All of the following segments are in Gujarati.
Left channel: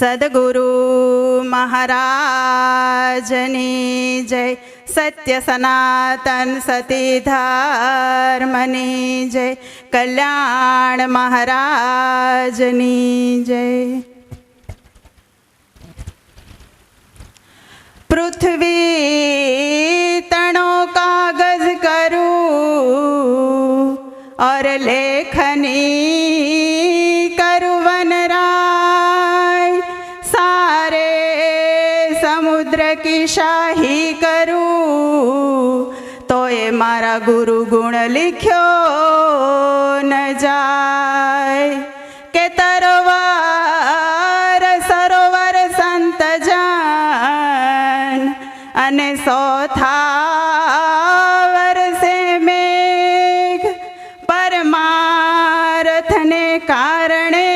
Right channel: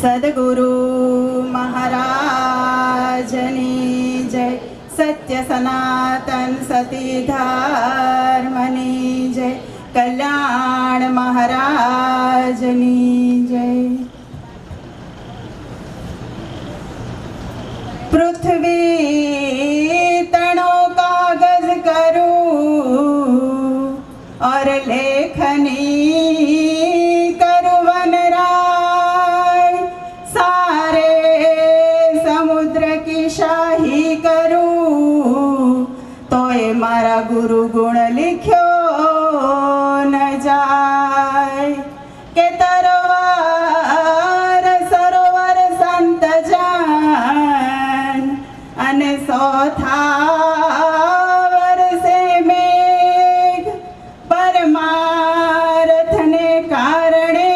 સદગુરુ મહારાજની જય સત્ય સનાતન સતી ધર્મની જય કલ્યાણ મહારાજની જય મારા ગુરુ ગુણ લિખ્યો ન જાય. કે તરવાર સરોવર સંત જાન અને સોથાવર સે મેઘ. પરમારથને કારણે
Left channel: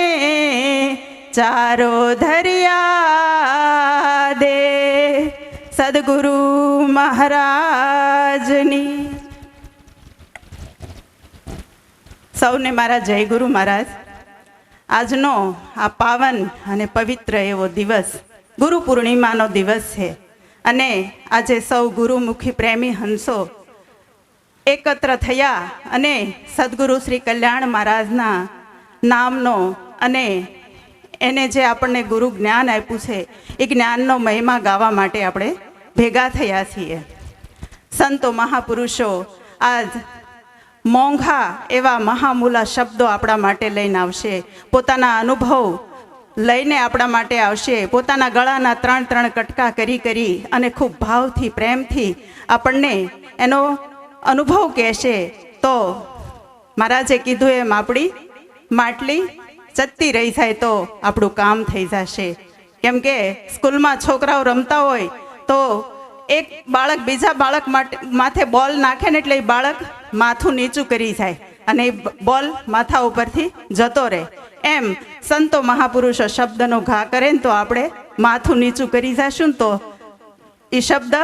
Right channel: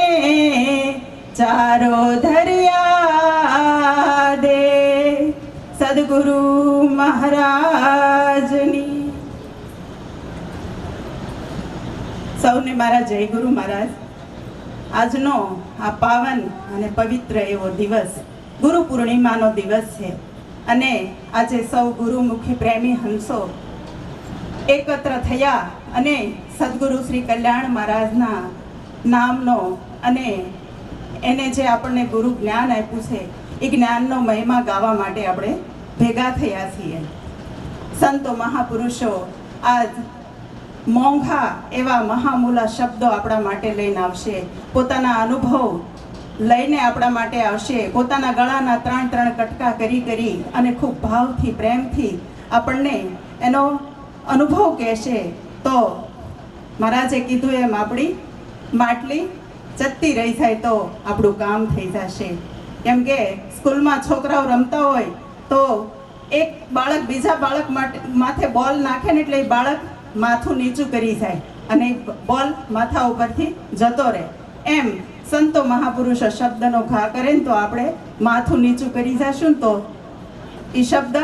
ચારો સૌને મારા જય ગુરુ મહારાજ. આજનો આ પાવન અને પવિત્ર એવો દિવસ ગુરુ પૂર્ણિમાનો દિવસ છે. અને આજે સૌ ગુરુમુખી પ્રેમી હંસો એકત્ર થયા અને સદગુરુ શ્રી કલ્યાણ મહારાજના નામનો અને એને જે આપણને ગુરુ જ્ઞાન આપ્યું છે, એ જ્ઞાનનો મહિમા ગાવા માટે આપણે ભેગા થયા છીએ. સંતો મહાપુરુષો, આજ મોંઘા એવા મહામૂલા શબ્દો આપણા માટે લઈને આવશે. પોતાના અનુભવ લઈને આપણા માટે આવશે. પોતાના ગળાના ત્રણ ત્રણ કટકા કરી કરી અને ખૂબ ભાવથી, પ્રેમથી આપણને એનો અનુભવ કહેશે. તો મહારાજે કીધું એમ, આપણી માટલી ચત્તી રહી જાય તો આપણું કામ થઈ જશે. કેમ કે સ્કૂલમાં છોકરાઓ રમતા હોય તો એક બાળક બીજા બાળક માટે માથે બોલ નાખે ને એટલે એ બાળક માથું નીચું કરી જાય અને બોલ માથા ઉપરથી જતો રહે. એમ સંતો મહાપુરુષો શબ્દનો ઘા કરે ને તો આપણે માથું નીચું કરી જશું તો એ શબ્દ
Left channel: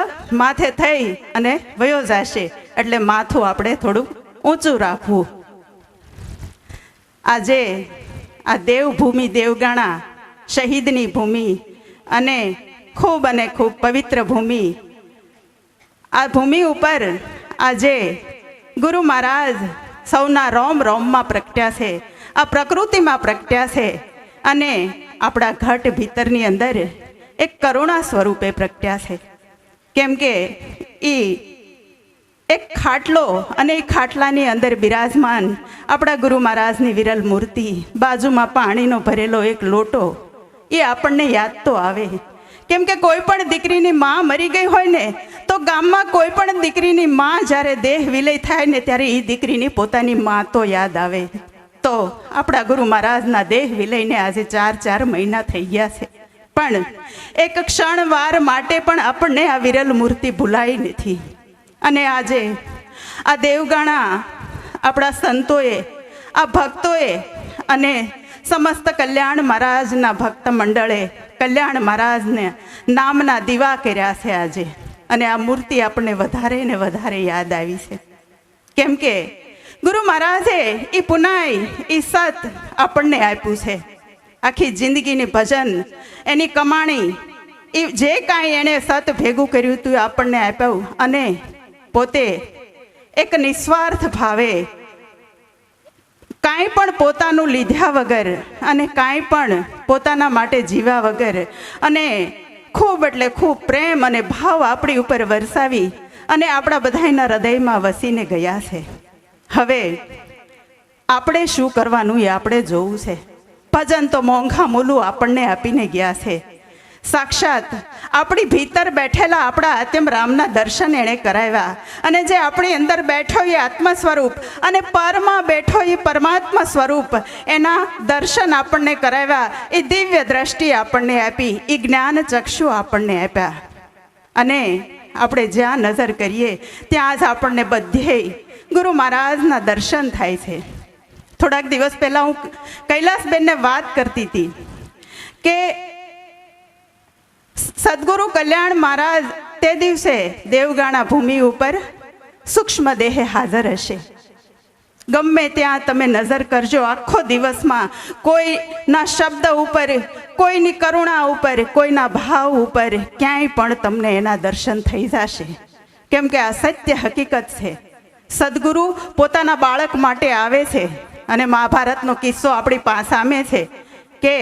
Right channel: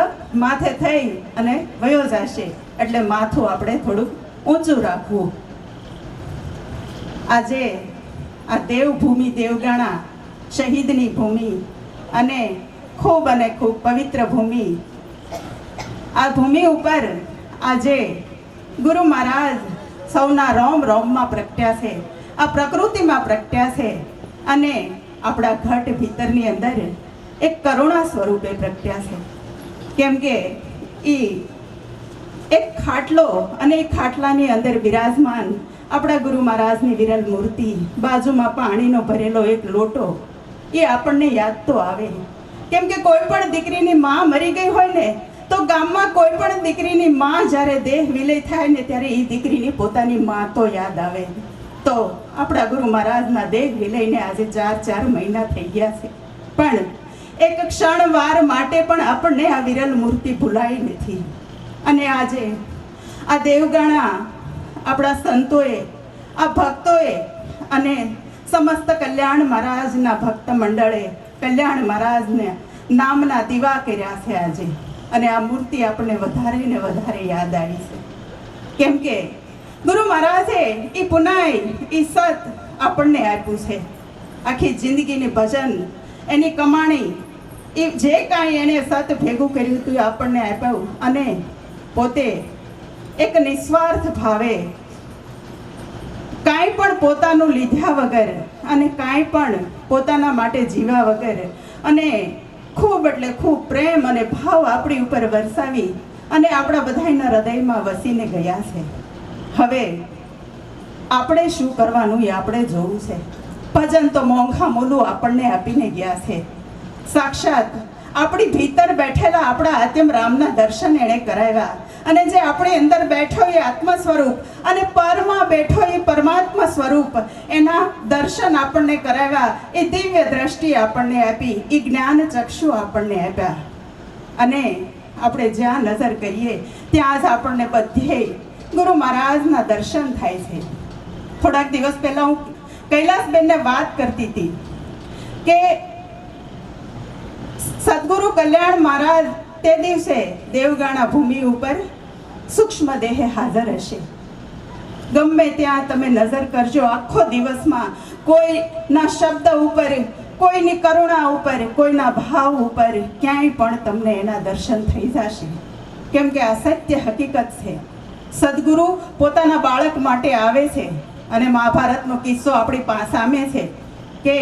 માથે થઈ અને વયો જશે. એટલે માથું આપણે થોડુંક ઊંચું રાખવું. આજે આ દેવભૂમિ દેવગાણા શહીદની ભૂમિ અને ખૂબ અને ખૂબ પવિત્ર ભૂમિ. આ ભૂમિ ઉપર આજે ગુરુ મહારાજ, સૌના રોમ રોમમાં પ્રગટ્યા છે. આ પ્રકૃતિમાં પ્રગટ્યા છે. અને આપણા ઘટ ભીતરની અંદર એક કરુણા સ્વરૂપે પ્રગટ્યા છે. કેમ કે એ એક ખાટલો અને એ ખાટલાની અંદર બિરાજમાન આપણા ગુરુ મહારાજની વિરલ મૂર્તિ, બાજુમાં પાણીનો ભરેલો એક લોટો, એ આપણને યાદ તો આવે. કેમ કે કોઈ પણ દીકરીની માં મરી ગઈ હોય ને ગામમાં કોઈ પણ દીકરીની માં જ્યારે દેહ વિલય થાય ને ત્યારે એ દીકરીની પોતાની માં તો યાદ આવે. તો આપણા ગુરુ મહારાજના દેહ વિલયને આજે ચાર ચાર મહિના થઈ ગયા છે. પણ એક ક્ષણ વાર માટે પણ આપણને આ વિરલ મૂર્તિ ભૂલાઈ નથી. અને આજે આ દેવગણા આપણા સંતોએ, આ ભક્તોએ અને સમસ્ત કલ્યાણ મહારાજના ભક્ત મંડળે, કલ્યાણ મહારાજને નામના દીવા કર્યા છે આજે. અને આ મૂર્તિ આપણને વધારે ને વધારે યાદ આવી છે. કેમ કે ગુરુ મહારાજે એ પુનાઈ એ સત આપણને આપ્યું છે. આખી જિંદગીની ભજન, એની કમાણી એ જે કાંઈ એણે સત ભેગું કર્યું હતું એ આપણને આપ્યું અને પોતે એક નિસ્વાર્થ ભાવે કાંઈ પણ પોતાનું લીધા વગર અને કાંઈ પણ પોતાના માટે જીવ્યા વગર અને ખૂબ એટલે ખૂબ પ્રેમ અને ભાવ આપણી ઉપર વરસાવી અને આપણા બધાના હૃદયમાં વસીને ગયા છે. હવે આપણે શું કરવાનું એ આપણે જોવું છે. ભજન તો મોંઘા મોલું આપણને આપીને ગયા છે. સાક્ષાત આપણી ભીતર બેઠેલા આપણા રામના દર્શન એણે કરાવ્યા. અને જે આપણી અંદર બેઠો એ આત્મા સ્વરૂપ અને પરમાં બેઠો એ પરમાત્મા સ્વરૂપ, એના દર્શન આપણને કરાવ્યા. એ દિવ્ય દ્રષ્ટિ આપણને આપી, એ જ્ઞાન ચક્ષુ આપણને આપ્યા. અને આપણે જ્યાં નજર કરીએ, ત્યાં જ આપણને બધે ગુરુ મહારાજના દર્શન થાય છે. થોડાક દિવસ પહેલાં હું કૈલાસબેનને વાત કરતી હતી કે, સદગુરુ કલ્યાણ મહારાજ તે દિવસે દેવગાણા ભૂમિ ઉપર સૂક્ષ્મ દેહે હાજર હશે. ગમે ત્યાં તમે નજર કરજો, આખો દિવસમાં કોઈના શબ્દ ઉપર, કોઈની કરુણા ઉપર, કોઈના ભાવ ઉપર ક્યાંય પણ તમને એના દર્શન થઈ જશે. કેમ કે આ સત્ય હકીકત છે. સદગુરુ પોતાના બાળક માટે આવે છે અને મહાભારતનો કિસ્સો આપણી સામે છે કે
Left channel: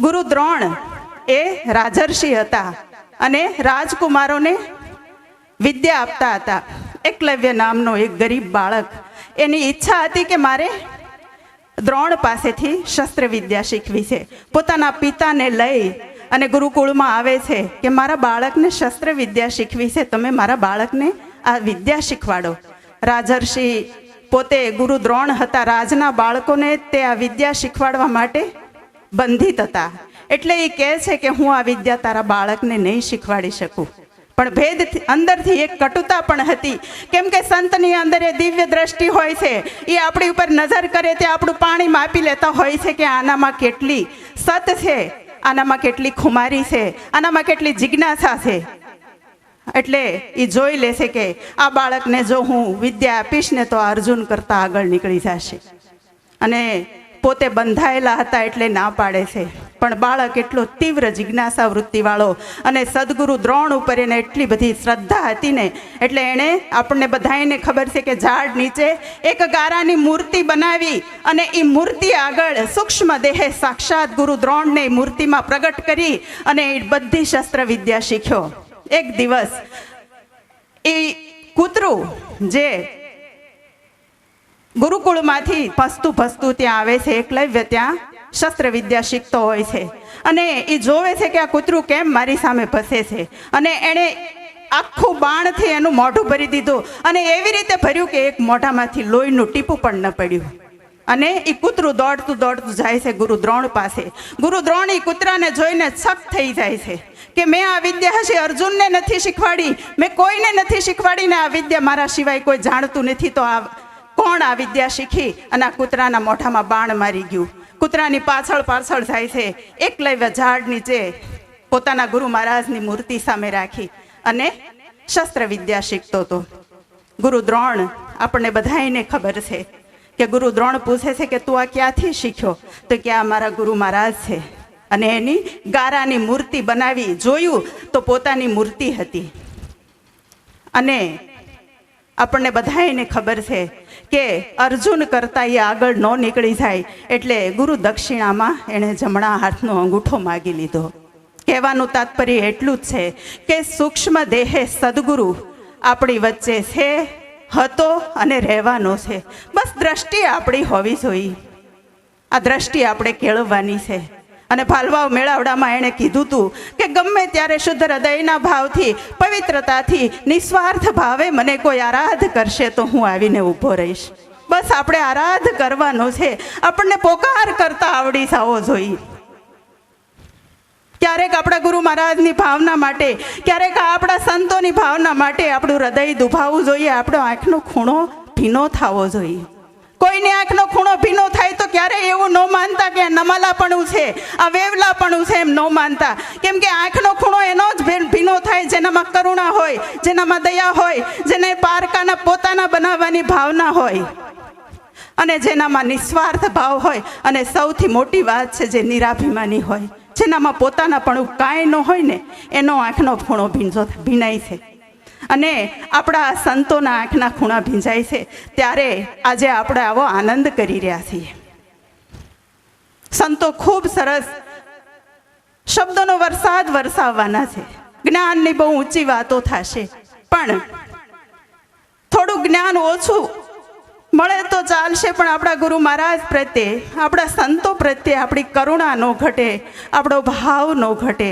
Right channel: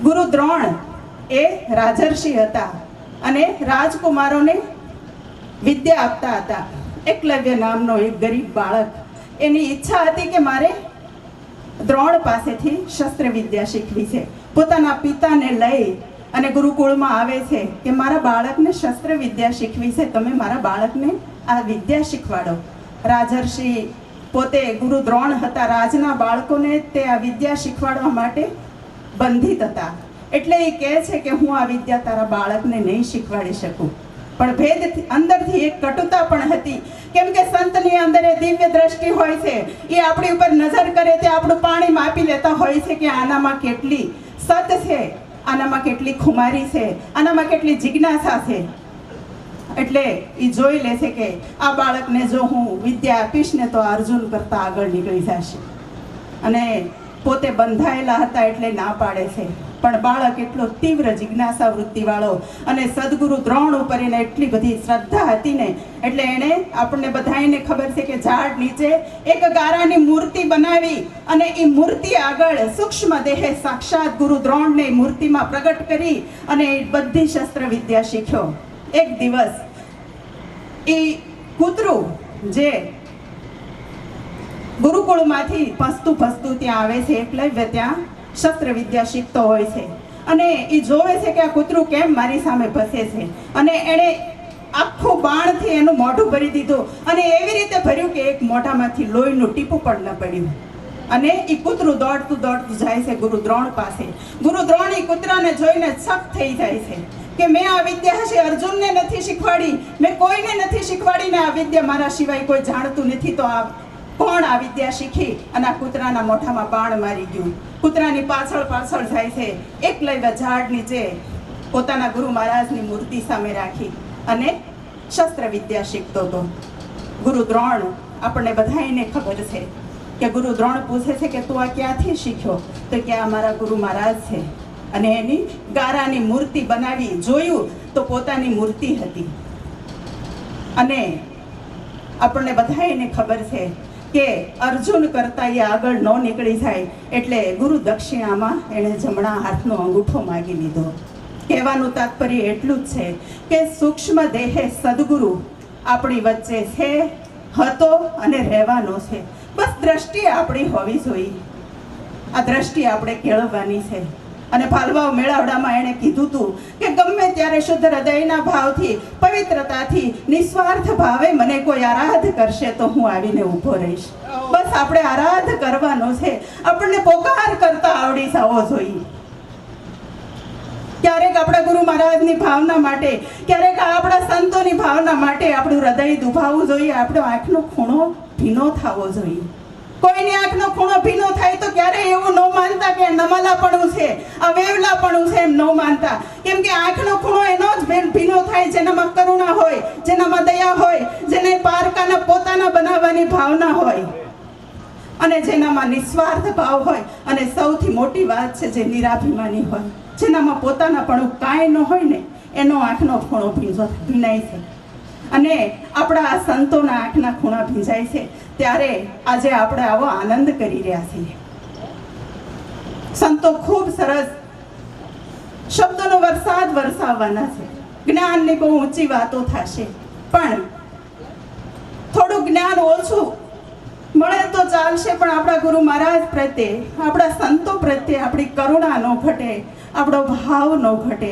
ગુરુ દ્રોણ એ રાજર્ષિ હતા. અને રાજકુમારોને વિદ્યા આપતા હતા. એકલવ્ય નામનો એક ગરીબ બાળક. એની ઈચ્છા હતી કે મારે દ્રોણ પાસેથી શસ્ત્ર વિદ્યા શીખવી છે. પોતાના પિતાને લઈ અને ગુરુકુળમાં આવે છે કે મારા બાળકને શસ્ત્ર વિદ્યા શીખવી છે, તમે મારા બાળકને આ વિદ્યા શીખવાડો. રાજર્ષિ પોતે ગુરુ દ્રોણ હતા. રાજના બાળકોને તે આ વિદ્યા શીખવાડવા માટે બંધિત હતા. એટલે એ કહે છે કે હું આ વિદ્યા તારા બાળકને નહીં શીખવાડી શકું. પણ ભેદ અંદરથી એક કટુતા પણ હતી. કેમ કે સંતની અંદર એ દિવ્ય દ્રષ્ટિ હોય છે. એ આપણી ઉપર નજર કરે તે આપણું પાણી માપી લેતા હોય છે કે આનામાં કેટલી સત છે, આનામાં કેટલી ખુમારી છે, આનામાં કેટલી જિજ્ઞાસા છે. એટલે એ જોઈ લેશે કે આ બાળકને જો હું વિદ્યા આપીશ ને તો અર્જુન કરતાં આગળ નીકળી જશે. અને પોતે બંધાયેલા હતા એટલે ના પાડે છે. પણ બાળક એટલો તીવ્ર જિજ્ઞાસા વૃત્તિવાળો અને સદગુરુ દ્રોણ ઉપર એને એટલી બધી શ્રદ્ધા હતી ને, એટલે એણે આપણને બધાને ખબર છે કે ઝાડ નીચે એક ગારાની મૂર્તિ બનાવી અને એ મૂર્તિ આગળ સૂક્ષ્મ દેહે સાક્ષાત ગુરુ દ્રોણને મૂર્તિમાં પ્રગટ કરી અને એ બધી શસ્ત્ર વિદ્યા શીખ્યો. એક દિવસ એ કૂતરું જે ગુરુકુળમાંથી ફસતું ફસતું ત્યાં આવે છે એકલવ્ય ત્યાં શસ્ત્ર વિદ્યા શીખતો હોય છે. અને એ જોવે છે કે આ કૂતરું કેમ મારી સામે ભસે છે. અને એણે આખું બાણથી એનું મોઢું ભરી દીધું. અને એવી રીતે ભર્યું કે એક મોઢામાંથી લોહીનું ટીપું પણ ન પડ્યું. અને એ કૂતરું દોડતું દોડતું જાય છે ગુરુ દ્રોણ પાસે. ગુરુ દ્રોણ એ કૂતરાને જોઈને છપ થઈ જાય છે કે મેં આ વિદ્યા હશે અર્જુનને નથી શીખવાડી. મેં કોઈને નથી શીખવાડીને આ વિદ્યા મારા સિવાય કોઈ જાણતું નથી. તો આ કોણ આ વિદ્યા શીખી અને આ કૂતરાના મોઢામાં બાણ મારી ગયું. કૂતરાની પાછળ પાછળ જાય છે. એકલવ્ય ઝાડ નીચે પોતાના ગુરુ મહારાજની મૂર્તિ સામે રાખી અને શસ્ત્ર વિદ્યા શીખતો હતો. ગુરુ દ્રોણ, આપણને બધાને ખબર છે કે ગુરુ દ્રોણ પૂછે છે કે તું આ ક્યાંથી શીખ્યો? તો કે આ મારા ગુરુ મહારાજ છે. અને એની ગારાની મૂર્તિ બનાવી જોયું તો પોતાની મૂર્તિ હતી. અને આપણને બધાને ખબર છે કે અર્જુન કરતાં એ આગળ ન નીકળી જાય એટલે ગુરુ દક્ષિણામાં એણે જમણા હાથનો અંગૂઠો માગી લીધો. કહેવાનું તાત્પર્ય એટલું જ છે કે સૂક્ષ્મ દેહે સદગુરુ આપણી વચ્ચે છે, હતો અને રહેવાનો છે. બસ દ્રષ્ટિ આપણી હોવી જોઈએ. આ દ્રષ્ટિ આપણે કેળવવાની છે. અને ભાલવાવ મેળાવડામાં એણે કીધું હતું કે ગમે ત્યારે શુદ્ધ હૃદયના ભાવથી, પવિત્રતાથી, નિસ્વાર્થ ભાવે મને કોઈ આરાધ કરશે તો હું આવીને ઊભો રહીશ. બસ આપણે આરાધ કરવાનો છે. આપણને પોકાર કરતા આવડી જવો જોઈએ ક્યારેક આપણા ગુરુ મહારાજની ભાવના માટે, ક્યારેક આપણા સંતોની ભાવના માટે આપણું હૃદય દુભાવવું જોઈએ. આપણો આંખનો ખૂણો ભીનો થવો જોઈએ. કોઈની આંખનો ખૂણો ભીનો થાય તો ક્યારે એવું ન માનતા કે નમાલાપણું છે આ વેવલાપણું છે એમ ન માનતા. કેમ કે આંખનો ખૂણો એનો જ ભીનો થાય, જેનામાં કરુણા હોય, જેનામાં દયા હોય, જેને પારકાના પોતાના બનાવવાની ભાવના હોય, અને જેનામાં નિસ્વાર્થ ભાવ હોય, અને સૌથી મોટી વાત છે જે નિરાભિમાની હોય, જેનામાં પોતાના પણ કાંઈ ન હોય ને, એનો આંખનો ખૂણો ભીંજો ભીનાય છે. અને આપણા સંતોના આંખના ખૂણા ભીંજાય છે. ત્યારે આજે આપણે આવો આનંદ કરી રહ્યા છીએ. સંતો ખૂબ સરસ શબ્દોનો વરસાદ વરસાવવાના છે. જ્ઞાનની બહુ ઊંચી વાતો થશે. પણ થોડું જ્ઞાન ઓછું મળે તો ચાલશે, પણ આપણા ગુરુ મહારાજ પ્રત્યે, આપણા સંતો પ્રત્યે આપણી કરુણા ન ઘટે, આપણો ભાવ ન ઘટે,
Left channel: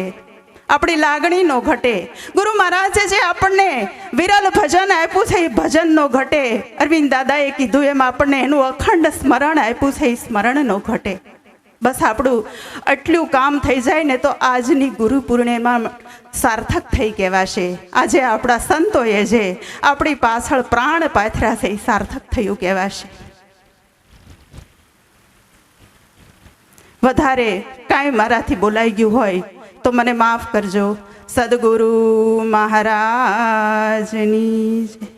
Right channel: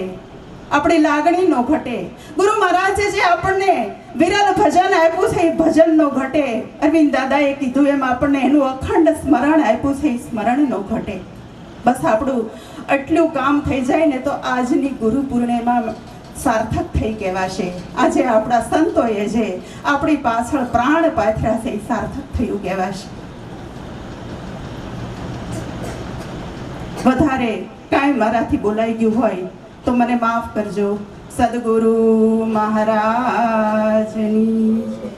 આપણી લાગણી ન ઘટે. ગુરુ મહારાજે જે આપણને વિરલ ભજન આપ્યું છે એ ભજન નો ઘટે. અરવિંદ દાદાએ કીધું એમ આપણને એનું અખંડ સ્મરણ આપ્યું છે, એ સ્મરણ ન ઘટે. બસ આપણું આટલું કામ થઈ જાય ને તો આજની ગુરુ પૂર્ણિમા સાર્થક થઈ કહેવાશે. આજે આપણા સંતોએ જે આપણી પાછળ પ્રાણ પાથર્યા છે સાર્થક થયું કહેવાશે. વધારે કાંઈ મારાથી બોલાઈ ગયું હોય તો મને માફ કરજો. સદગુરુ મહારાજની.